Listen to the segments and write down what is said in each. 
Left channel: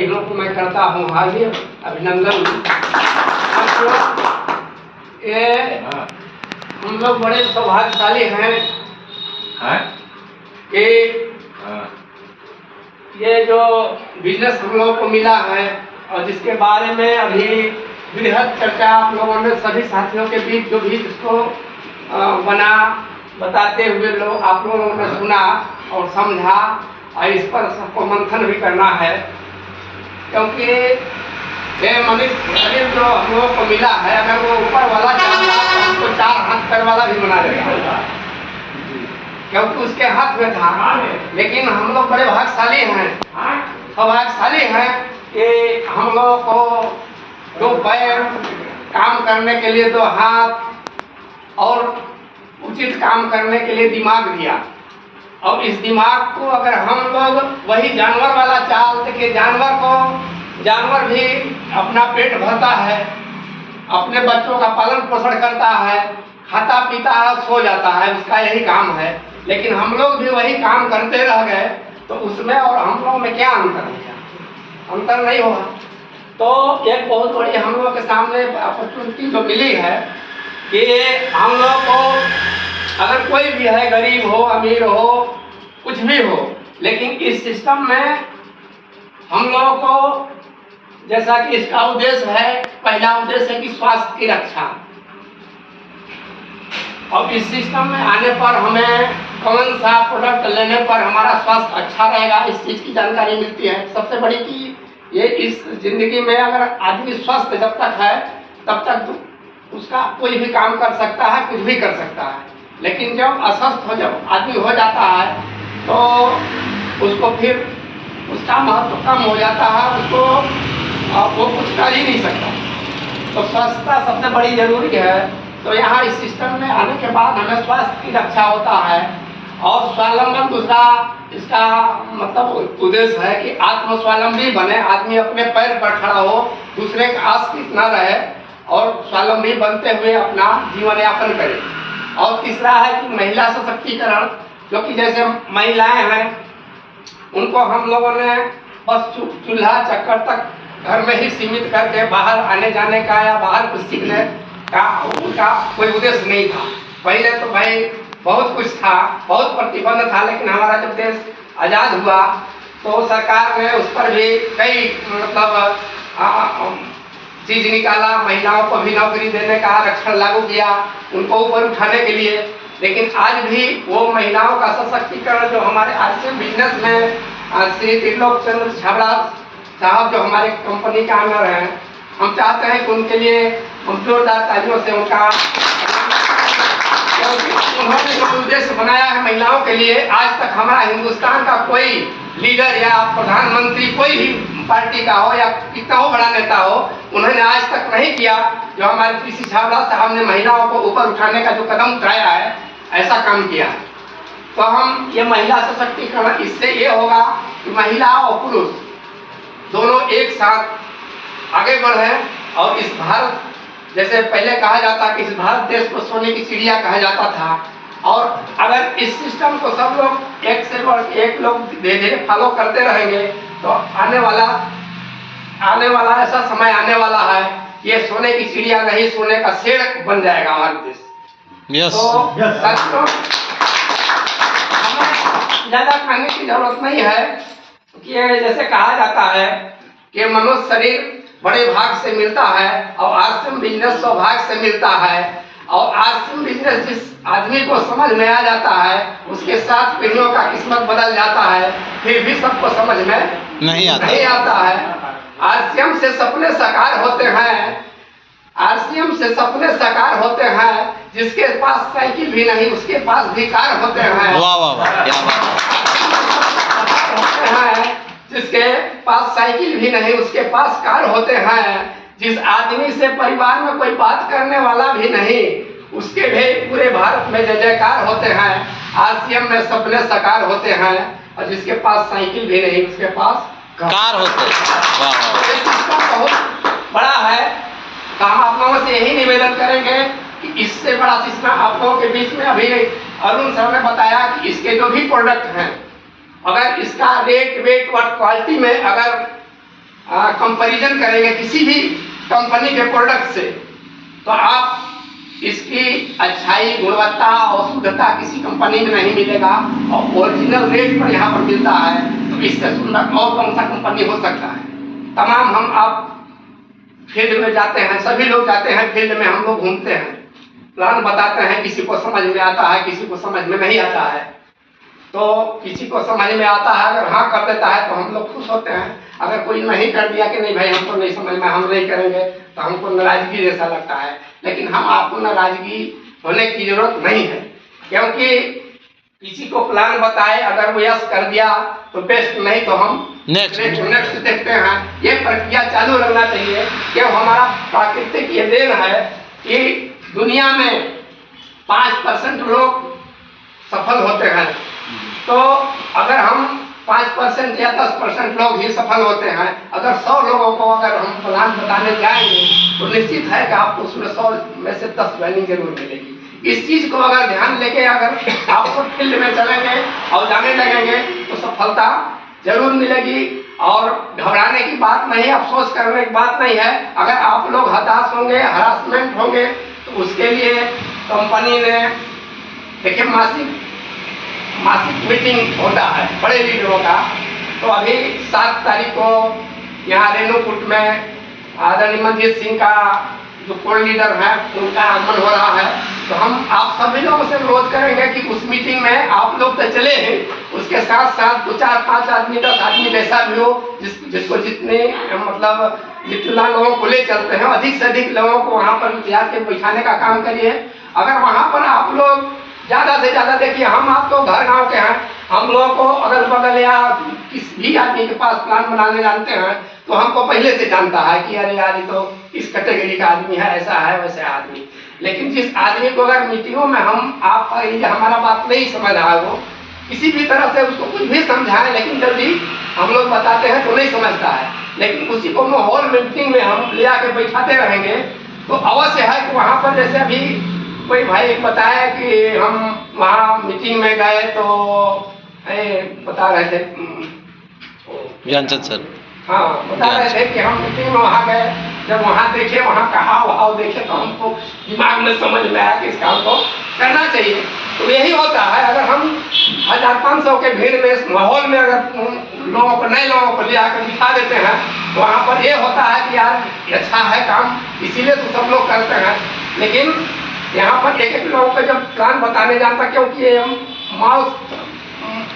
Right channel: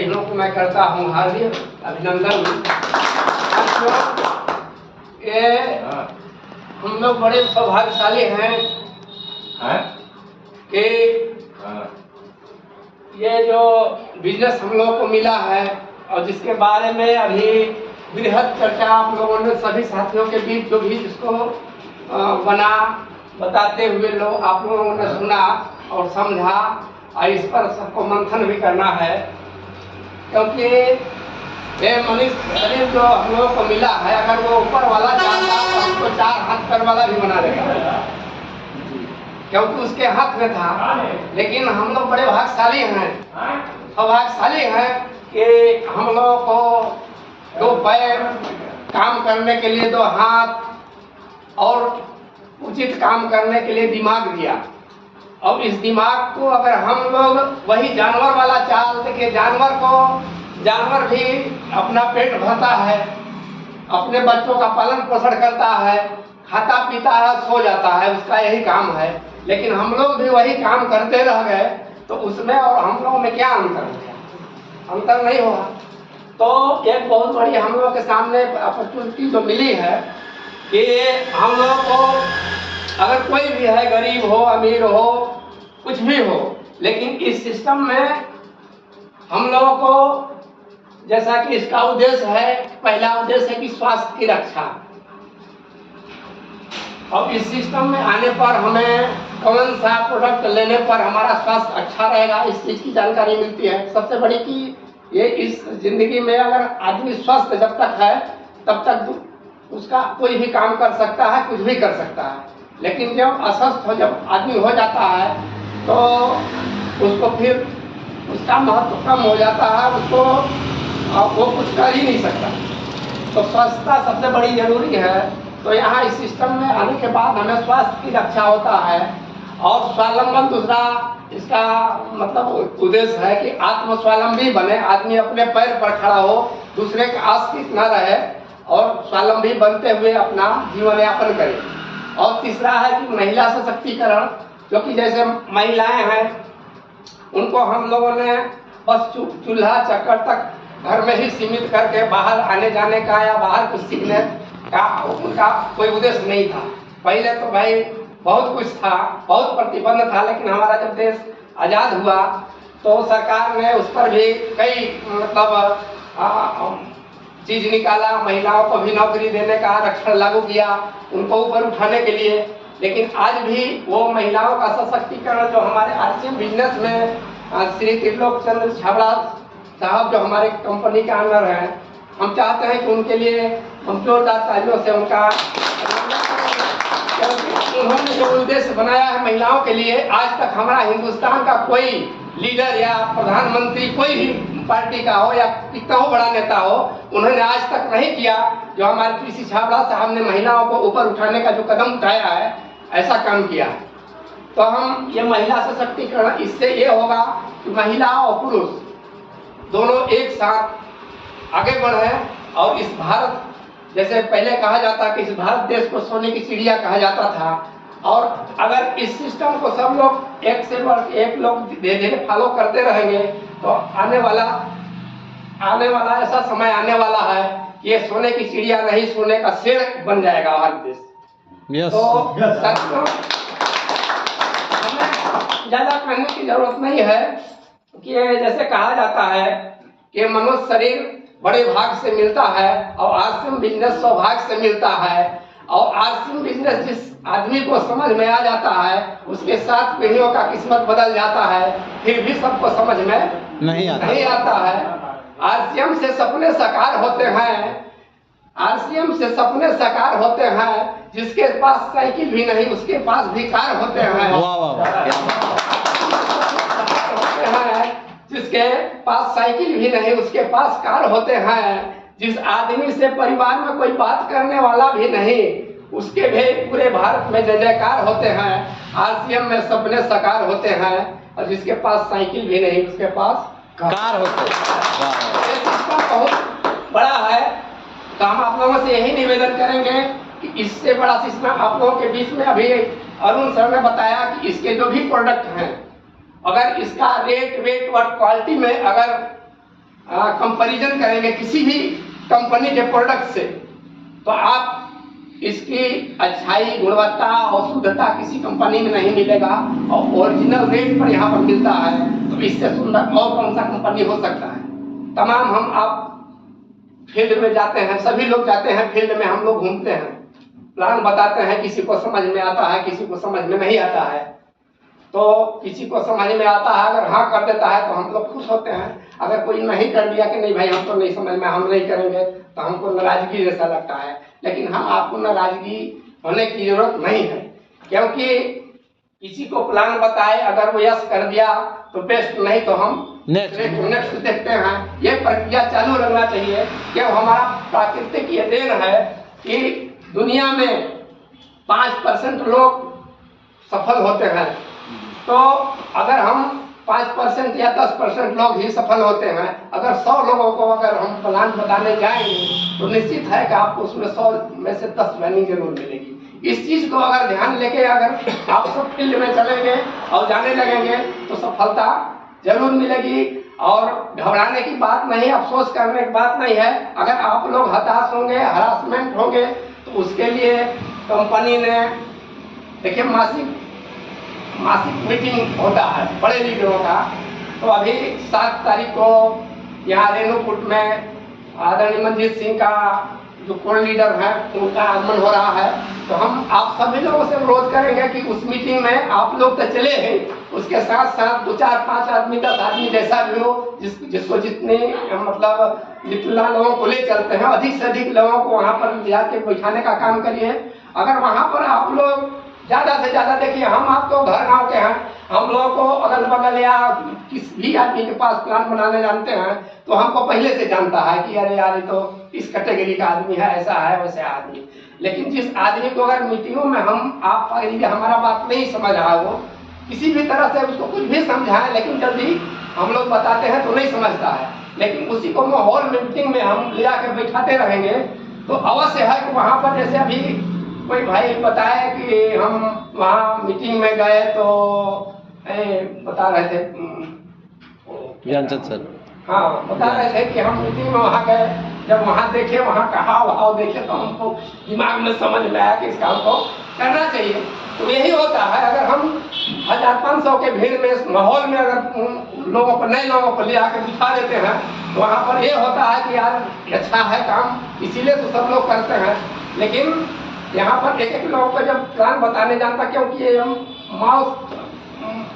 बहनों को मैं करता हूँ हार्दिक अभिनंदन। ये हम लोग बड़े सौभाग्यशाली हैं कि ये जो बिजनेस हम लोगों को मिला है और जिसके बारे में अभी बृहद चर्चा आप लोगों ने सभी साथियों के बीच जो भी इसको बताते हुए लोग आप लोगों ने सुना और समझा और इस पर सबको मंथन भी करना है, क्योंकि ये मनुष्य शरीर जो हम लोगों को मिला है अगर वो ऊपर वाला चाहता तो हमको 4 हाथ पैर वाला भी बना देगा, क्योंकि उसके हाथ में था। लेकिन हम लोग बड़े भाग्यशाली हैं, सौभाग्यशाली हैं कि हम लोगों को 2 पैर, काम करने के लिए 2 हाथ और उचित काम करने के लिए दिमाग दिया। और इस दिमाग को अगर हम लोग वही जानवर वाला चाल देखिए, जानवर भी अपना पेट भरता है, अपने बच्चों का पालन पोषण करता है, खाता पीता है, सो जाता है, उसका यही काम है। लेकिन हम लोग भी वही काम करते रह गए तो उसमें और हम लोगों में क्या अंतर है? अंतर नहीं होगा। तो एक बहुत बड़ी हम लोगों के सामने अपॉर्चुनिटी जो मिली है कि हम लोग को अगर कोई भी है, गरीब हो, अमीर हो, कुछ भी हो, लेकिन इस सिस्टम में हम लोगों को जैसा कि इसका उद्देश्य है, पहला उद्देश्य है कि स्वास्थ्य की रक्षा। और इस सिस्टम में आने पर हमें कौन सा प्रोडक्ट लेने पर हमारा स्वास्थ्य अच्छा रहेगा, इस चीज़ की जानकारी मिलती है। सबसे बड़ी कि ये इस जिंदगी में अगर आदमी स्वस्थ जब तक है तब तक उसका कोई भी काम कर सकता है, कुछ भी कर सकता है। लेकिन जब अस्वस्थ हो, जब आदमी हो जाता है तो उसको फिर उसका महत्व कम हो जाता है, उसको वो कुछ कर ही नहीं सकता। तो स्वच्छता सबसे बड़ी जरूरी है। तो यहाँ इस सिस्टम में आने के बाद हमें स्वास्थ्य की रक्षा होता है और स्वावलंबन दूसरा इसका मतलब उद्देश्य है कि आत्म स्वावलंबी बने, आदमी अपने पैर पर खड़ा हो, दूसरे का आश्रित न रहे और स्वावलंबी बनते हुए अपना जीवन यापन करे। और तीसरा है कि महिला सशक्तिकरण, क्योंकि जैसे महिलाएं हैं उनको हम लोगों ने बस चूल्हा चक्कर तक घर में ही सीमित करके बाहर आने जाने का या बाहर कुछ सीखने का उनका कोई उद्देश्य नहीं था। पहले तो भाई बहुत कुछ था, बहुत प्रतिबंध था, लेकिन हमारा जब देश आज़ाद हुआ तो सरकार ने उस पर भी कई मतलब चीज निकाला, महिलाओं को भी नौकरी देने का आरक्षण लागू किया, उनको ऊपर उठाने के लिए। लेकिन आज भी वो महिलाओं का सशक्तिकरण जो हमारे आरसीएम बिजनेस में श्री त्रिलोक चंद्र छाबड़ा साहब जो हमारे कंपनी का ऑनर हैं, हम चाहते हैं कि उनके लिए हम जोरदार तालियों से उनका, उन्होंने जो उद्देश्य बनाया है महिलाओं के लिए, आज तक हमारा हिंदुस्तान का कोई लीडर या प्रधानमंत्री कोई भी पार्टी का हो या कितना हो बड़ा नेता हो, उन्होंने आज तक नहीं किया जो हमारे पीसी छाबड़ा साहब ने महिलाओं को ऊपर उठाने का जो कदम उठाया है, ऐसा काम किया। तो हम ये महिला सशक्तिकरण, इससे ये होगा कि महिला और पुरुष दोनों एक साथ आगे बढ़े। और इस भारत, जैसे पहले कहा जाता कि इस भारत देश को सोने की चिड़िया कहा जाता था, और अगर इस सिस्टम को सब लोग एक से बढ़ एक लोग धीरे धीरे फॉलो करते रहेंगे तो आने वाला ऐसा समय आने वाला है, ये सोने की चिड़िया नहीं, सोने का शेर बन जाएगा हमारा देश। तो साथियों, हमें ज्यादा कहने की जरूरत नहीं है कि जैसे कहा जाता है कि मनुष्य शरीर बड़े भाग से मिलता है और आरसीएम बिजनेस सौभाग्य से मिलता है। और आरसीएम बिजनेस जिस आदमी को समझ में आ जाता है उसके 7 पीढ़ियों का किस्मत बदल जाता है, फिर भी सबको समझ में नहीं आता है। आरसीएम से सपने साकार होते हैं, आरसीएम से सपने साकार होते हैं, जिसके पास साइकिल भी नहीं उसके पास भी कार होते हैं। वाह वाह वाह, क्या बात है। जिसके पास साइकिल भी नहीं उसके पास कार होते हैं। जिस आदमी से परिवार में कोई बात करने वाला भी नहीं उसके भी पूरे भारत में जय जयकार होते हैं। आरसीएम में सपने साकार होते हैं और जिसके पास साइकिल भी नहीं उसके पास कार होते हैं। वाह, बहुत बड़ा है। तो हम आप लोगों से यही निवेदन करेंगे कि इससे बड़ा सिस्टम आप लोगों के बीच में अभी अरुण सर ने बताया कि इसके जो भी प्रोडक्ट हैं, अगर इसका रेट वेट और क्वालिटी में अगर कंपैरिजन करेंगे किसी भी कंपनी के प्रोडक्ट से, तो आप इसकी अच्छाई, गुणवत्ता और शुद्धता किसी कंपनी में नहीं मिलेगा, और ओरिजिनल रेट पर यहाँ पर मिलता है। तो इससे सुंदर और कौन सा कंपनी हो सकता है। तमाम हम आप फील्ड में जाते हैं, सभी लोग जाते हैं फील्ड में, हम लोग घूमते हैं, प्लान बताते हैं, किसी को समझ में आता है, किसी को समझ में नहीं आता है। तो किसी को समझ में आता है, अगर हाँ कर देता है तो हम लोग खुश होते हैं। अगर कोई नहीं कर दिया कि नहीं भाई हमको नहीं समझ में, हम नहीं करेंगे, तो हमको नाराजगी जैसा लगता है। लेकिन हम आपको नाराजगी होने की जरूरत नहीं है, क्योंकि किसी को प्लान बताए, अगर वो यस कर दिया तो बेस्ट, नहीं तो हम नेक्स्ट देखते हैं। ये प्रक्रिया चालू रहना चाहिए, क्यों हमारा प्राकृतिक ये देन है कि दुनिया में 5% लोग सफल होते हैं। तो अगर हम 5% या 10% लोग ही सफल होते हैं, अगर 100 लोगों को अगर हम प्लान बताने जाएंगे तो निश्चित है कि आपको उसमें 100 में से 10 वैल्यू जरूर मिलेगी। इस चीज को अगर ध्यान लेके अगर आप सब फील्ड में चलेंगे और जाने लगेंगे तो सफलता जरूर मिलेगी। और घबराने की बात नहीं, अफसोस करने की बात नहीं है। अगर आप लोग हताश होंगे, हरासमेंट होंगे, तो उसके लिए कंपनी ने देखिए मासिक मीटिंग होता है बड़े लीडरों का। तो अभी 7 तारीख को यहाँ रेणुकूट में आदरणीय मनजीत सिंह का जो कोर लीडर है उनका आगमन हो रहा है। तो हम आप सभी लोगों से अनुरोध करेंगे कि उस मीटिंग में आप लोग तो चले हैं, उसके साथ साथ 2, 4, 5 आदमी, 10 आदमी जैसा भी हो, जिसको जितने मतलब जितना लोगों को ले चलते हैं, अधिक से अधिक लोगों को वहाँ पर ले आके बैठाने का काम करिए। अगर वहाँ पर आप लोग ज़्यादा से ज़्यादा, देखिए हम आपको घर गाँव के हैं, हम लोगों को अगल बगल या किस भी आदमी के पास प्लान बनाने जानते हैं तो हमको पहले से जानता है कि अरे यार ये तो इस कैटेगरी का आदमी है, ऐसा है वैसे आदमी। लेकिन जिस आदमी को अगर मीटिंगों में हम आप हमारा बात नहीं समझ रहा है, वो किसी भी तरह से उसको कुछ भी समझाएं, लेकिन जल्दी हम लोग बताते हैं तो नहीं समझता है। लेकिन उसी को माहौल मीटिंग में हम ले आके बैठाते रहेंगे तो अवश्य है कि वहाँ पर, जैसे अभी कोई भाई बताया कि हम वहाँ मीटिंग में गए तो बता रहे थे ज्ञानचंद सर, हाँ बता रहे थे कि हम मीटिंग में वहाँ गए, जब वहाँ देखे, वहाँ का हाव भाव देखे तो हमको दिमाग में समझ में आया कि इस काम को करना चाहिए। तो यही होता है, अगर हम 1500 के भीड़ में इस माहौल में अगर लोगों को, नए लोगों को ले आकर दिखा देते हैं, तो वहाँ पर ये होता है कि यार अच्छा है काम, इसीलिए तो सब लोग करते हैं। लेकिन यहाँ पर एक लोगों को जब प्लान बताने जाता, क्योंकि ये माउथ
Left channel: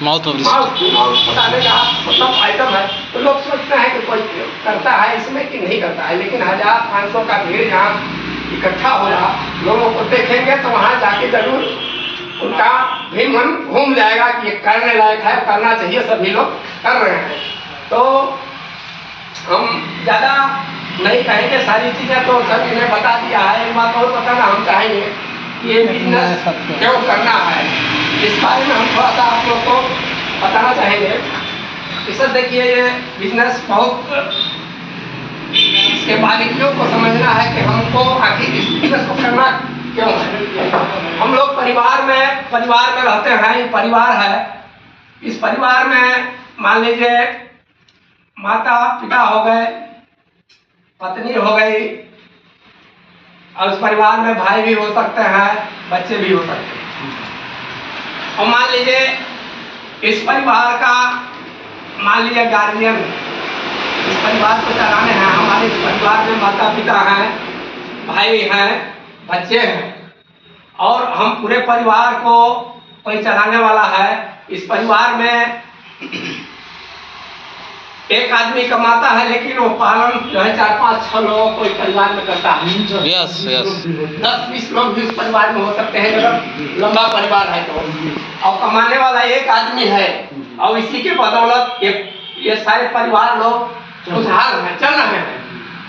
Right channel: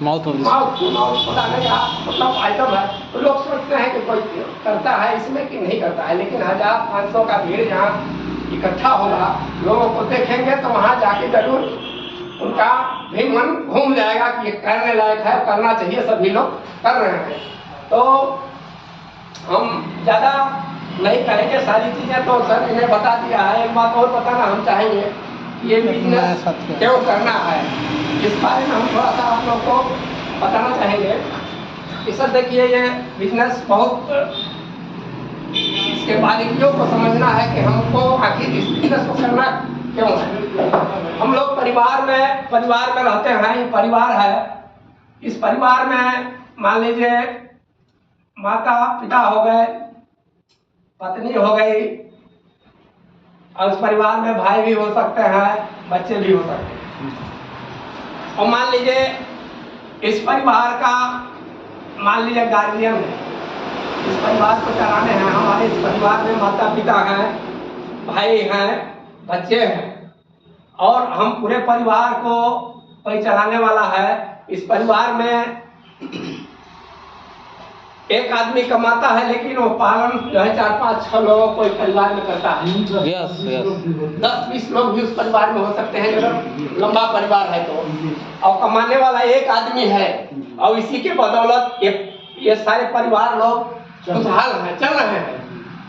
बताने का मतलब आइटम है, तो लोग सोचते हैं कि कोई करता है इसमें कि नहीं करता है। लेकिन 1500 का भीड़ यहाँ इकट्ठा हो रहा, लोगों को देखेंगे तो वहाँ जाके जरूर उनका भी मन घूम जाएगा कि ये करने लायक है, करना चाहिए, सभी लोग कर रहे हैं। तो हम ज़्यादा नहीं कहेंगे, सारी चीज़ें तो सर इन्हें बता दिया है। एक बात और बताना हम चाहेंगे कि ये बिजनेस क्यों करना है, इस बारे में हम थोड़ा सा आप लोग को बताना चाहेंगे। कि सर देखिए, ये बिजनेस बहुत, इसके बारीकियों को समझना है कि हमको आखिर इस बिजनेस को करना क्यों है। हम लोग परिवार में रहते हैं, ये परिवार है। इस परिवार में मान लीजिए माता पिता हो गए, पत्नी हो गई, और उस परिवार में भाई भी हो सकते हैं, बच्चे भी हो सकते हैं। और मान लीजिए इस परिवार का, मान लीजिए गार्जियन, इस परिवार को चलाने हैं, हमारे इस परिवार में माता पिता हैं, भाई हैं, बच्चे हैं, और हम पूरे परिवार को कोई चलाने वाला है। इस परिवार में एक आदमी कमाता है, लेकिन वो पालन जो है 4, 5, 6 लोगों को इस परिवार में करता है। 10-20 लोग भी उस परिवार में हो सकते हैं, जब लंबा परिवार है तो। और कमाने वाला एक आदमी है, और इसी के बदौलत ये सारे परिवार लोग खुशहाल हैं, चल रहे हैं।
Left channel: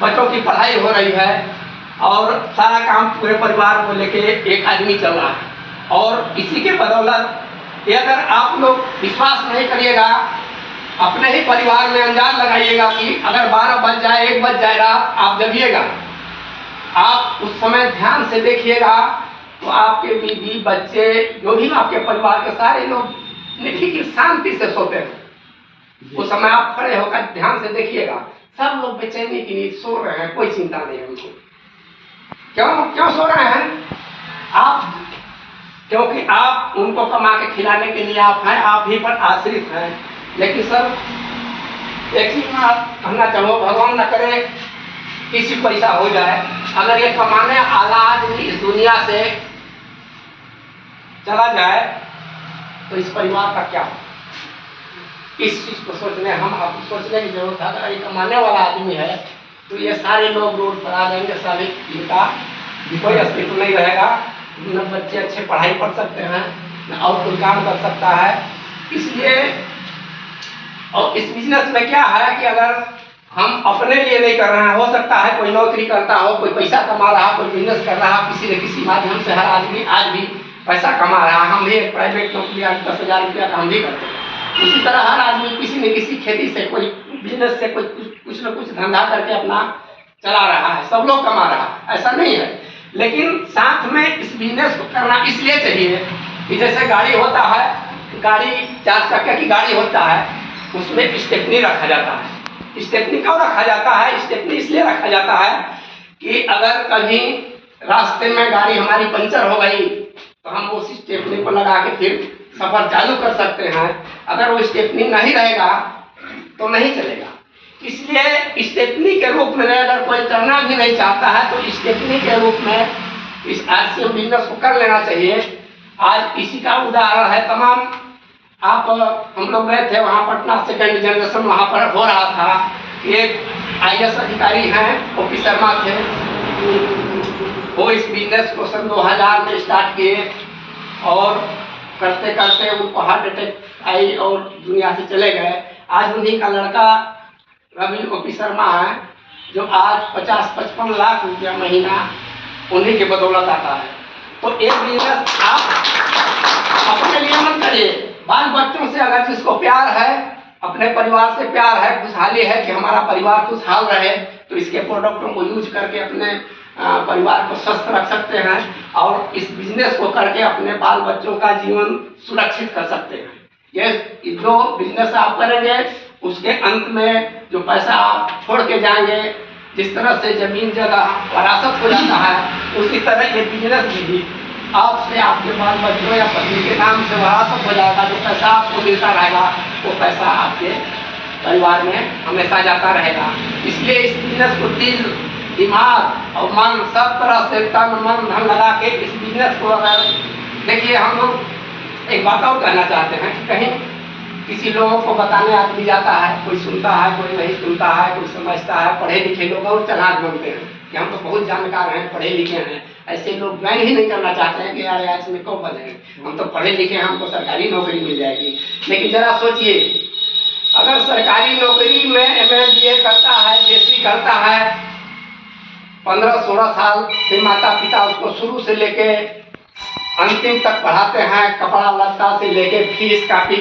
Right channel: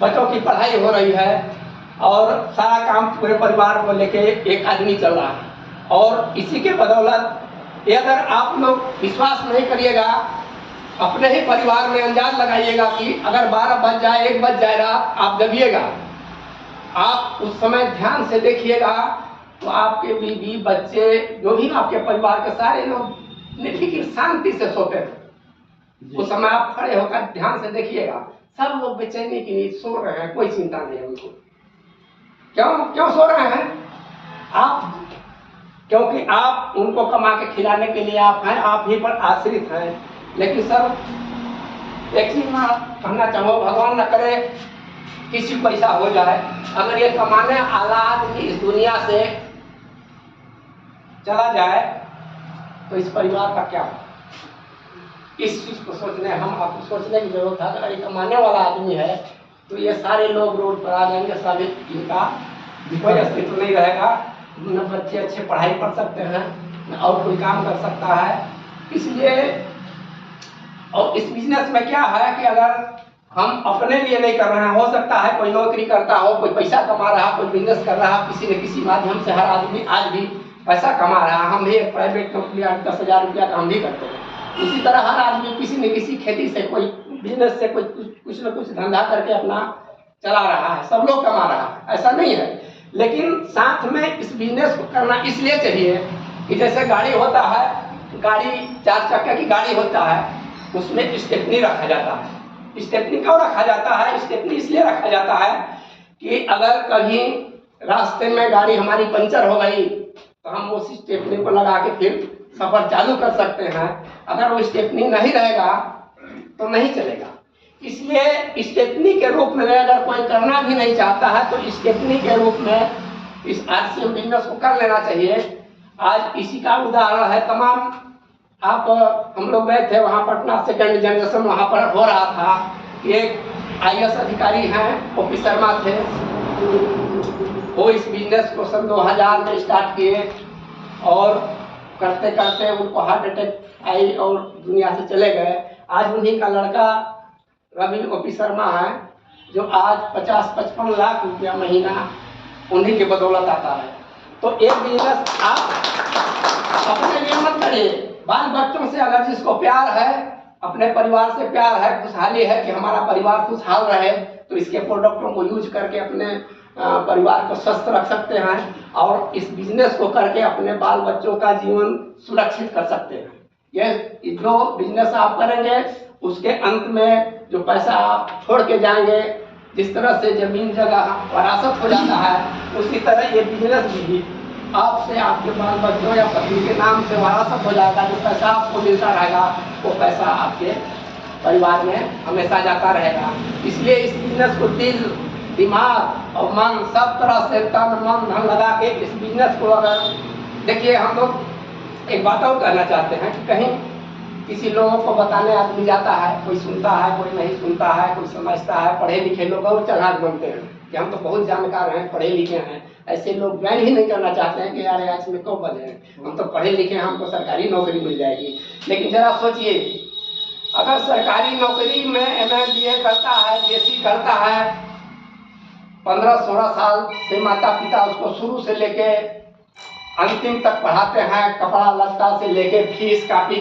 बच्चों की पढ़ाई हो रही है और सारा काम पूरे परिवार को लेके एक आदमी चल रहा है। और इसी के बदौलत ये, अगर आप लोग विश्वास नहीं करिएगा, अपने ही परिवार में अंदाज लगाइएगा कि अगर 12 बज जाए, 1 बज जाए रात, आप जगिएगा, आप उस समय ध्यान से देखिएगा तो आपके बीवी, बच्चे, जो भी आपके परिवार के सारे लोग निफिक्र शांति से सोते हैं। उस समय आप खड़े होकर ध्यान से देखिएगा, सब लोग बेचैनी की नींद सो रहे हैं, कोई चिंता नहीं है उनको। क्यों क्यों सो रहे हैं? आप, क्योंकि आप उनको कमा के खिलाने के लिए आप हैं, आप ही पर आश्रित हैं। लेकिन सर एक चीज मैं कहना चाहूँ, भगवान न करे किसी को ऐसा हो जाए, अगर ये कमाने वाला आदमी इस दुनिया से चला जाए तो इस परिवार का क्या हो? इस चीज को सोचने, हम आपको सोचने की जरूरत है। अगर ये कमाने वाला आदमी है तो ये सारे लोग रोड पर आ जाएंगे, सारे इनका कोई अस्तित्व नहीं रहेगा, न बच्चे अच्छे पढ़ाई पढ़ सकते हैं, न और कोई काम कर सकता है। इसलिए और इस बिजनेस में क्या है कि अगर हम अपने लिए नहीं कर रहे हैं, हो सकता है कोई नौकरी करता हो, कोई पैसा कमा रहा, कोई बिजनेस कर रहा, किसी न किसी माध्यम से हर आदमी आज भी पैसा कमा रहा है। हम भी एक प्राइवेट नौकरी 10,000 रुपया का हम भी करते हैं। इसी तरह हर आदमी किसी न किसी खेती से, कोई बिजनेस से, कुछ न कुछ धंधा करके अपना चला रहा है। सब लोग कमा रहा है, ऐसा नहीं है। लेकिन साथ में इस बिजनेस को करना इसलिए चाहिए कि जैसे गाड़ी होता है, गाड़ी 4 चक्के की गाड़ी होता है, उसमें स्टेपनी रखा जाता है। स्टेपनी क्यों रखा जाता है? स्टेपनी इसलिए रखा जाता है कि अगर कहीं रास्ते में गाड़ी हमारी पंचर हो गई तो हम उस स्टेपनी को लगा के फिर सफर चालू कर सकते हैं। अगर वो स्टेपनी नहीं रहेगा तो नहीं चलेगा। इसलिए स्टेपनी के रूप में अगर कोई करना भी नहीं चाहता है तो स्टेपनी के रूप में इस RCM बिजनेस को कर लेना चाहिए। आज इसी का उदाहरण है। तमाम आप, हम लोग गए थे वहाँ पटना, सेकेंड जनरेशन वहाँ पर हो रहा था। एक IAS अधिकारी हैं, OP शर्मा थे, वो इस बिजनेस को सन 2000 में स्टार्ट किए और करते करते उनको हार्ट अटैक आई और दुनिया से चले गए। आज उन्हीं का लड़का रवि OP शर्मा है, जो आज 50-55 लाख रुपया महीना उन्हीं की बदौलत आता है। तो एक बिजनेस आप अपने लिए मत करिए, बाल बच्चों से अगर जिसको प्यार है, अपने परिवार से प्यार है, खुशहाली है कि हमारा परिवार खुशहाल रहे, तो इसके प्रोडक्टों को यूज करके अपने परिवार को स्वस्थ रख सकते हैं और इस बिजनेस को करके अपने बाल बच्चों का जीवन सुरक्षित कर सकते हैं। ये जो बिजनेस आप करेंगे उसके अंत में जो पैसा आप छोड़ के जाएंगे, जिस तरह से जमीन जगह वरासत हो जाता है, उसी तरह ये बिजनेस भी आपसे, आपके बाल बच्चों या पत्नी के नाम से वरासत हो जाएगा। जो पैसा आपको मिलता रहेगा वो पैसा आपके परिवार में हमेशा जाता रहेगा। इसलिए इस बिजनेस को दिल, दिमाग और मन, सब तरह से तन मन धन लगा के इस बिजनेस को, अगर देखिए हम लोग एक बात और कहना चाहते हैं कि कहीं किसी लोगों को बताने आदमी जाता है, कोई सुनता है, कोई नहीं सुनता है, कोई समझता है। पढ़े लिखे लोग और चालाक बनते हैं कि हम तो बहुत जानकार हैं, पढ़े लिखे हैं। ऐसे लोग ज्वाइन ही नहीं करना चाहते हैं कि यार आज में क्यों बने, हम तो पढ़े लिखे हैं, हमको सरकारी नौकरी मिल जाएगी। लेकिन जरा सोचिए, अगर सरकारी नौकरी में MA BA करता है, BSc करता है, 15-16 साल से माता पिता उसको शुरू से लेके अंतिम तक पढ़ाते हैं, कपड़ा लत्ता से लेके फीस कापी